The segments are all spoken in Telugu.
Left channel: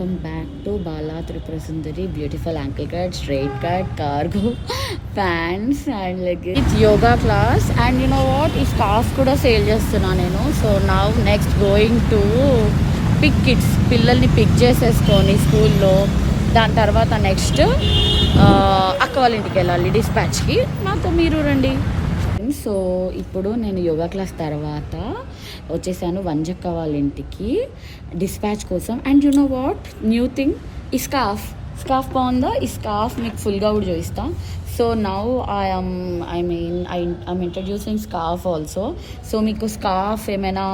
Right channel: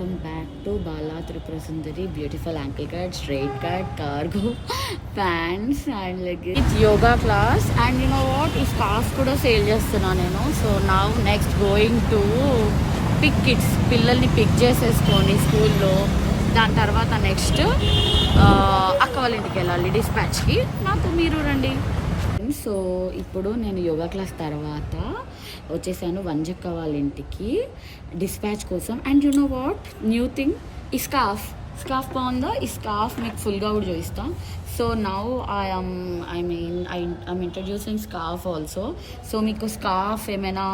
Welcome back to Bala Tripura Sundari. Beautiful ankle cut, straight cut, cargo, pants and leggings. It's yoga class and you know what? Is scarf kuda sale chestunna nenu. So now next going to pick kids. పిల్లల్ని పిక్ చేసేసుకొని స్కూల్లో దాని తర్వాత నెక్స్ట్ అక్క వాళ్ళ ఇంటికి వెళ్ళాలి డిస్పాచ్కి. నాతో మీరు రండి. సో ఇప్పుడు నేను యోగా క్లాస్ తర్వాత వచ్చేసాను వంజక్క వాళ్ళ ఇంటికి డిస్పాచ్ కోసం. And you know what new thing, ఈ స్కార్ఫ్ బాగుందా? ఈ స్కార్ఫ్ మీకు ఫుల్గా కూడా చూపిస్తా. So now I'm introducing scarf also. So మీకు స్కార్ఫ్ ఏమైనా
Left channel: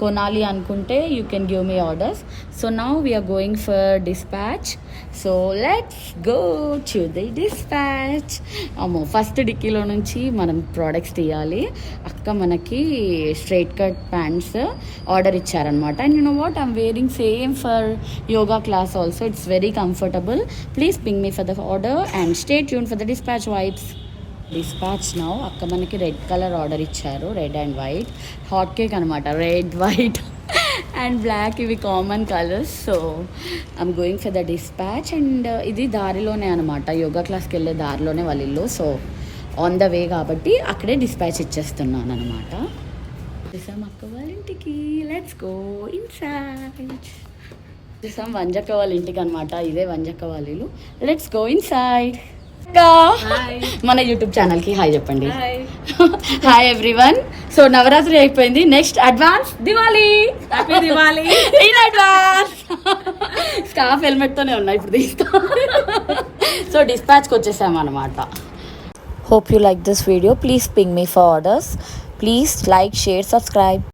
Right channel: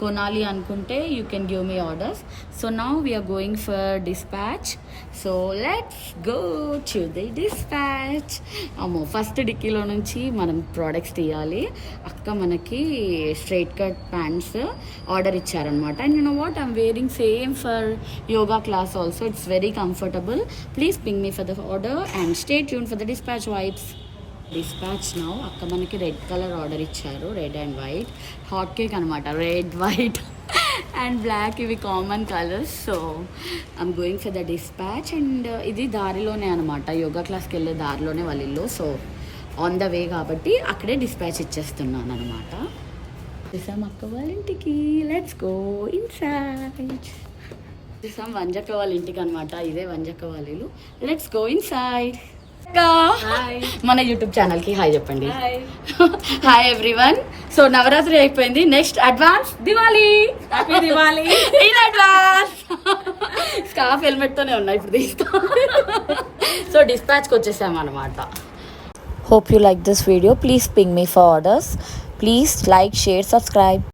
కొనాలి అనుకుంటే you can give me orders. So now we're going for dispatch. So let's go to the dispatch. అమ్మో, ఫస్ట్ డిక్కీలో నుంచి మనం ప్రోడక్ట్స్ తీయాలి. అక్క మనకి స్ట్రైట్ కట్ ప్యాంట్స్ ఆర్డర్ ఇచ్చారనమాట. And you know what, I'm wearing same for yoga class also. It's very comfortable. Please ping me for the order and stay tune for the dispatch vibes. Dispatch now అక్క మనకి రెడ్ కలర్ ఆర్డర్ ఇచ్చారు, red and white. Hot cake అనమాట, రెడ్ వైట్ అండ్ బ్లాక్, ఇవి common colours. So I'm going for the dispatch. And ఇది దారిలోనే అనమాట, యోగా క్లాస్కి వెళ్ళే దారిలోనే వాళ్ళ ఇల్లు. సో ఆన్ ద వే కాబట్టి అక్కడే డిస్పాచ్ ఇచ్చేస్తున్నాను అనమాట. వచ్చేసాం అక్క వాళ్ళ ఇంటికి. Let's go inside. వచ్చేసాం వంజక్క వాళ్ళ ఇంటికి అనమాట. ఇదే వంజక్క వాళ్ళ ఇల్లు. Let's go inside. మన యూట్యూబ్ ఛానల్ కి హాయ్ చెప్పండి. Hi everyone. సో నవరాత్రి అయిపోయింది, next advance Diwali in advance. Staff helmet తోనే ఉన్నాయి, ఇప్పుడు తీస్తాం. సో డిస్పాచ్కి వచ్చేసాం అనమాట. Hope you like this video. Please ping me for orders. Please like, share, subscribe.